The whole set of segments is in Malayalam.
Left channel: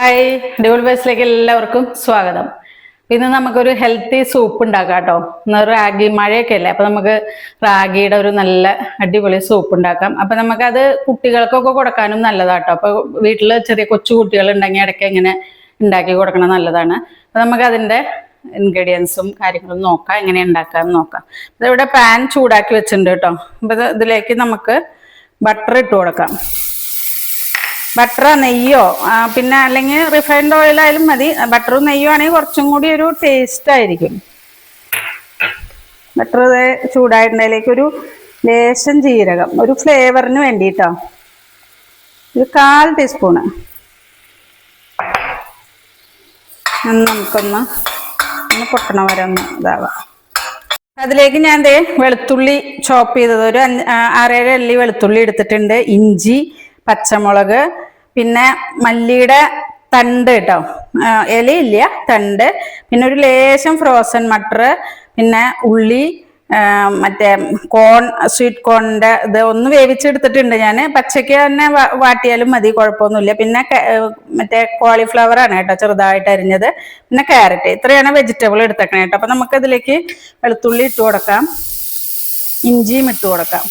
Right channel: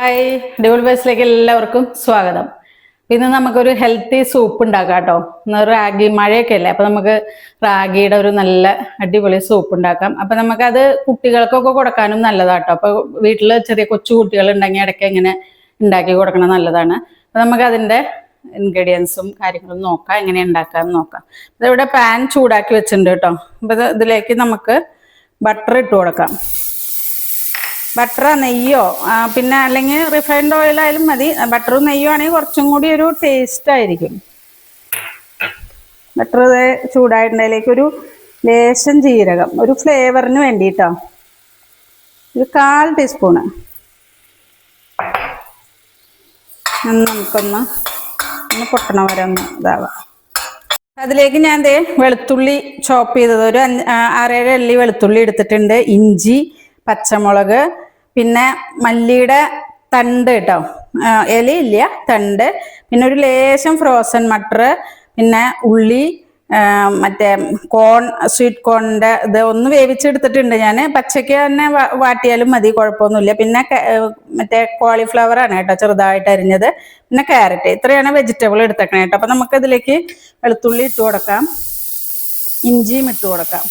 ഹായ് ഡബിൾ ബൈസിലേക്ക് എല്ലാവർക്കും സ്വാഗതം. ഇന്ന് നമുക്കൊരു ഹെൽത്തി സൂപ്പ് ഉണ്ടാക്കാം കേട്ടോ. ഇന്ന് റാഗി മഴയൊക്കെ അല്ലേ? അപ്പൊ നമുക്ക് റാഗിയുടെ ഒരു നല്ല അടിപൊളി സൂപ്പ് ഉണ്ടാക്കാം. അപ്പൊ നമുക്കത് കുട്ടികൾക്കൊക്കെ കൊടുക്കാനും നല്ലതാട്ടോ അപ്പൊ വീട്ടിൽ ചെറിയ കൊച്ചു കുട്ടികൾ ഉണ്ടെങ്കിൽ ഇടയ്ക്ക് ഇങ്ങനെ ഉണ്ടാക്കി കൊടുക്കണം നല്ലതാണ്. അപ്പൊ നമുക്ക് അതിന്റെ ഇൻഗ്രീഡിയൻസും കാര്യങ്ങളും നോക്കാം. എങ്ങനെ ഉണ്ടാക്കാമെന്ന് നോക്കാം. ഇതിവിടെ പാൻ ചൂടാക്കി വെച്ചിട്ടുണ്ട് കേട്ടോ. അപ്പൊ ഇതിലേക്ക് നമുക്ക് ബട്ടർ ഇട്ട് കൊടുക്കാം. ബട്ടറോ നെയ്യോ പിന്നെ അല്ലെങ്കിൽ റിഫൈൻഡ് ഓയിൽ ആയാലും മതി. ബട്ടറും നെയ്യോ ആണെങ്കിൽ കുറച്ചും കൂടി ഒരു ടേസ്റ്റ് ആയിരിക്കും. ബട്ടർ ചൂടായിട്ടുണ്ടതിലേക്ക് ഒരു ലേശം ജീരകം ഒരു ഫ്ലേവറിന് വേണ്ടിയിട്ടോ. ഒരു കാൽ ടീസ്പൂണ് നമുക്കൊന്ന് ഒന്ന് പൊട്ടണ വരെ ഒന്ന് ഇതാവാം. അതിലേക്ക് ഞാൻ ദേ വെളുത്തുള്ളി ചോപ്പ് ചെയ്തത്. ഒരു അഞ്ച് ആറേഴ് അല്ലി വെളുത്തുള്ളി എടുത്തിട്ടുണ്ട്. ഇഞ്ചി പച്ചമുളക് പിന്നെ മല്ലിയുടെ തണ്ട് കേട്ടോ ഇലയില്ല തണ്ട്. പിന്നെ ഒരു ലേശം ഫ്രോസൺ മട്ടർ പിന്നെ ഉള്ളി മറ്റേ കോൺ സ്വീറ്റ് കോണിന്റെ ഇത് ഒന്ന് വേവിച്ചെടുത്തിട്ടുണ്ട് ഞാൻ പച്ചയ്ക്ക് തന്നെ വാട്ടിയാലും മതി കുഴപ്പമൊന്നുമില്ല. പിന്നെ മറ്റേ കോളിഫ്ലവർ ആണ് കേട്ടോ ചെറുതായിട്ട് അരിഞ്ഞത്. പിന്നെ ക്യാരറ്റ് ഇത്രയാണ് വെജിറ്റബിൾ എടുത്തേക്കണേ കേട്ടോ. അപ്പൊ നമുക്ക് അതിലേക്ക് വെളുത്തുള്ളി ഇട്ട് കൊടുക്കാം. ഇഞ്ചിയും ഇട്ട് കൊടുക്കാം.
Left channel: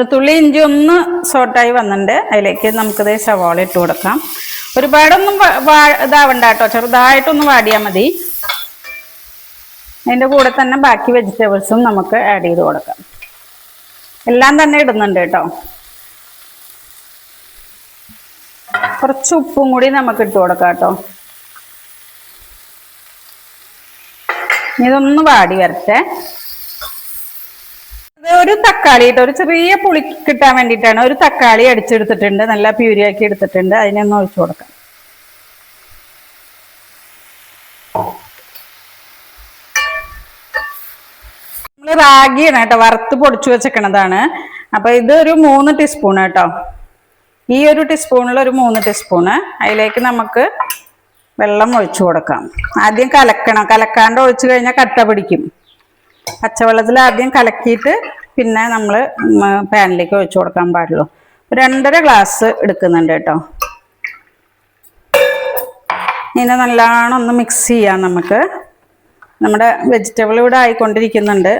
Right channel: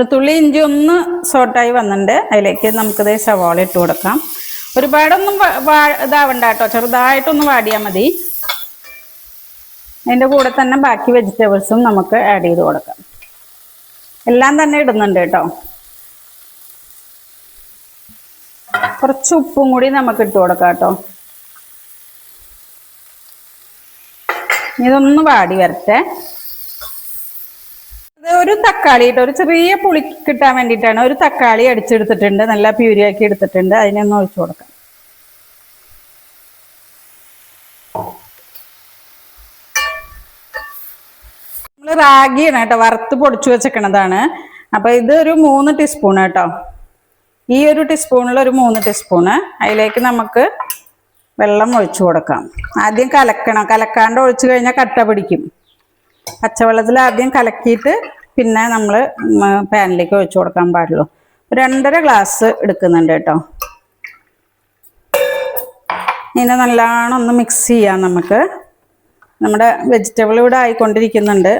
വെളുത്തുള്ളി ഇഞ്ചി ഒന്ന് സോട്ടായി വന്നിട്ടുണ്ട്. അതിലേക്ക് നമുക്കിത് സവാള ഇട്ട് കൊടുക്കാം. ഒരുപാടൊന്നും ഇതാവണ്ട കേട്ടോ. ചെറുതായിട്ടൊന്ന് വാടിയാൽ മതി. അതിന്റെ കൂടെ തന്നെ ബാക്കി വെജിറ്റബിൾസും നമുക്ക് ആഡ് ചെയ്ത് കൊടുക്കാം. എല്ലാം തന്നെ ഇടുന്നുണ്ട് കേട്ടോ. കുറച്ച് ഉപ്പും കൂടി നമുക്ക് ഇട്ട് കൊടുക്കാം കേട്ടോ. ഇതൊന്ന് വാടി വരട്ടെ. ഒരു തക്കാളി ഒരു ചെറിയ പുളി കിട്ടാൻ വേണ്ടിയിട്ടാണ് ഒരു തക്കാളി അടിച്ചെടുത്തിട്ടുണ്ട്. നല്ല പ്യൂരിയാക്കി എടുത്തിട്ടുണ്ട്. അതിനൊന്ന് ഒഴിച്ചു കൊടുക്കാം. നമ്മൾ റാഗിയാണ് കേട്ടോ. വറുത്ത് പൊടിച്ചു വെച്ചേക്കണതാണ്. അപ്പൊ ഇത് ഒരു മൂന്ന് ടീസ്പൂൺ കേട്ടോ. ഈ ഒരു ടീസ്പൂണിൽ ഒരു മൂന്ന് ടീസ്പൂണ് അതിലേക്ക് നമുക്ക് വെള്ളം ഒഴിച്ചു കൊടുക്കാം. ആദ്യം കലക്കണം. കലക്കാണ്ട് ഒഴിച്ചു കഴിഞ്ഞാൽ കട്ട പിടിക്കും. പച്ചവെള്ളത്തിൽ ആദ്യം കലക്കിയിട്ട് പിന്നെ നമ്മൾ പാനിലേക്ക് ഒഴിച്ചു കൊടുക്കാൻ പാടുള്ളൂ. രണ്ടര ഗ്ലാസ് എടുക്കുന്നുണ്ട് കേട്ടോ. ഇതിനെ നല്ലോണം ഒന്ന് മിക്സ് ചെയ്യാം നമുക്ക്. നമ്മുടെ വെജിറ്റബിൾ ഇവിടെ ആയിക്കൊണ്ടിരിക്കുന്നുണ്ട്.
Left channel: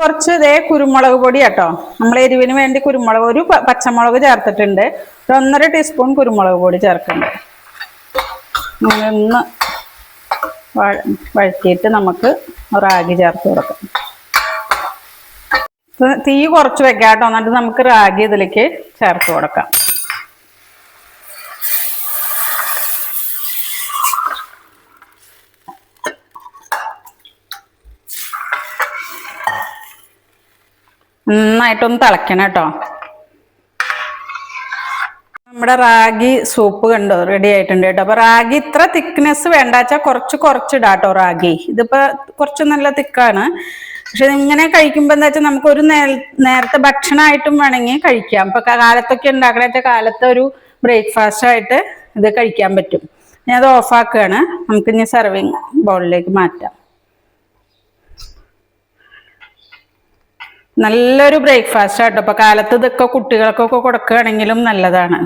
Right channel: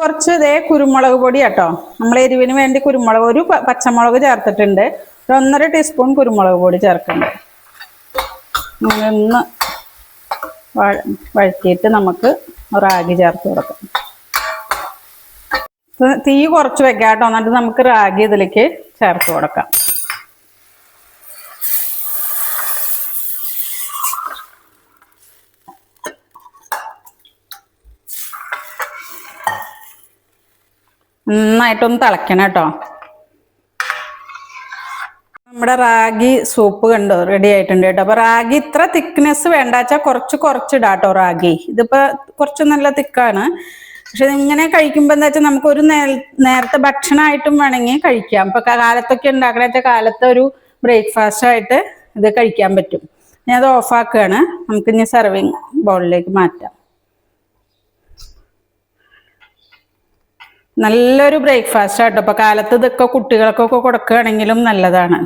കുറച്ച് ഇതേ കുരുമുളക് പൊടി കേട്ടോ. നമ്മൾ എരിവിന് വേണ്ടി കുരുമുളക് ഒരു പച്ചമുളക് ചേർത്തിട്ടുണ്ട്. ഒരു ഒന്നര ടീസ്പൂൺ കുരുമുളക് പൊടി ചേർക്കുന്നുണ്ട്. ഒന്ന് വഴറ്റിയിട്ട് നമുക്ക് റാഗി ചേർത്ത് കൊടുക്കാം. തീ കുറച്ച് വെക്കാം കേട്ടോ എന്നിട്ട് നമുക്ക് റാഗി ഇതിലേക്ക് ചേർത്ത് കൊടുക്കാം. നന്നായിട്ടൊന്ന് തിളയ്ക്കണം കേട്ടോ. നമ്മുടെ റാഗി സൂപ്പ് കണ്ടോ? റെഡി ആയിട്ടുണ്ട് കേട്ടോ. അപ്പൊ റാഗി ഇത്ര തിക്നെസ് വേണ്ട വെച്ചാൽ കുറച്ച് കുറച്ചിടാം കേട്ടോ റാഗി. ഇതിപ്പോ കുറച്ച് നല്ല തിക്കാണ് പക്ഷെ ഇങ്ങനെ കഴിക്കുമ്പോ എന്താ വെച്ചാൽ നമുക്ക് ഒരു നേരത്തെ ഭക്ഷണമായിട്ടും വേണമെങ്കിൽ കഴിക്കാം. ഇപ്പൊ കാലത്തൊക്കെ ഉണ്ടാക്കണ വെച്ചാൽ കാലത്തെ ഒരു ബ്രേക്ക്ഫാസ്റ്റ് ആയിട്ട് ഇത് കഴിക്കാൻ പറ്റും. ഞാൻ അത് ഓഫാക്കുകയാണ് നമുക്ക് ഇനി സെർവിങ് ബൗളിലേക്ക് മാറ്റാം. നല്ലൊരു ബ്രേക്ക്ഫാസ്റ്റ് ആട്ടോ. ഇപ്പൊ കാലത്ത് ഇതൊക്കെ കുട്ടികൾക്കൊക്കെ കൊടുക്കുകയാണെങ്കിലും നല്ലതാണ്.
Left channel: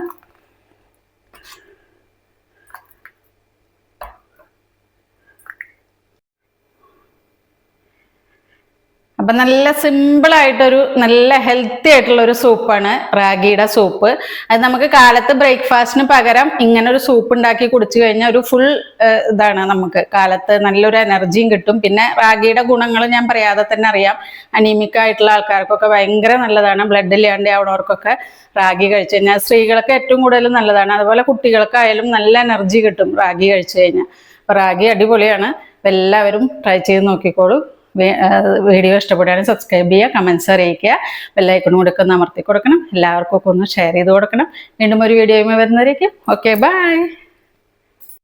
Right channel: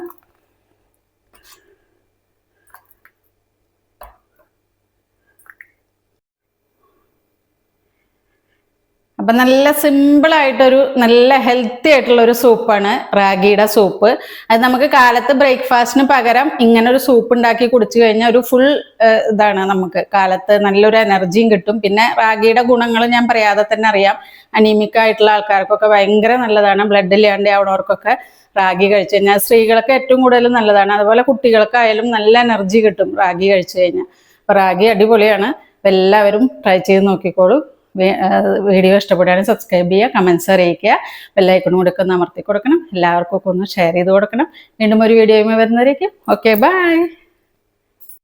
അപ്പൊ നല്ല സിമ്പിൾ ആയിട്ടൊരു നല്ല ഹെൽത്തി ആയിട്ടുള്ള ഒരു സൂപ്പാണ് റാഗിയുടെ സൂപ്പ് അത് നമുക്ക് കാലത്ത് ബ്രേക്ക്ഫാസ്റ്റിന് പകരം ഇങ്ങനെ ഒരു സൂപ്പ് ഉണ്ടാക്കി കുടിച്ചു കഴിഞ്ഞാൽ ഒരു ഫുൾ ഇതാണ് നമുക്ക്. കാലത്ത് നല്ലൊരു എനർജിയും കിട്ടും. പിന്നെ റാഗിയുടെ ഗുണങ്ങൾ ഞാൻ പറയാതെ തന്നെ അറിയാം. അനീമിക് ആയിട്ടുള്ള ആൾക്കാർക്കൊക്കെ ഭയങ്കര നല്ലതാണ്. ബ്ലഡ് ഇല്ലാണ്ട് ആവണവർക്കൊക്കെ റാഗി കഴിച്ചു കഴിഞ്ഞാൽ സ്ത്രീകൾക്ക് ഏറ്റവും കൂടുതൽ നല്ലതാണ്. അതുപോലെ കുട്ടികൾക്കായാലും നല്ല എനർജി കിട്ടും റാഗി കഴിച്ചു കഴിഞ്ഞാൽ റാഗി അടിപൊളിയാണ്. എല്ലാവരും ട്രൈ ചെയ്ത് നോക്കിക്കോളൂ. വീഡിയോ ഇഷ്ടപ്പെടുകയാണെങ്കിൽ സബ്സ്ക്രൈബ് ചെയ്യുക കമൻസ് അറിയിക്കുക ബെല്ലൈക്കൺ കൊടുക്കുന്ന അമർത്തി കൊടുക്കണം. എല്ലാവർക്കും ഒക്കെ ഒന്ന് ഷെയർ ചെയ്ത് കൊടുക്കണം. വീണ്ടും ഒരു വീഡിയോയുമായി വരുന്നതായിരിക്കും. Okay bye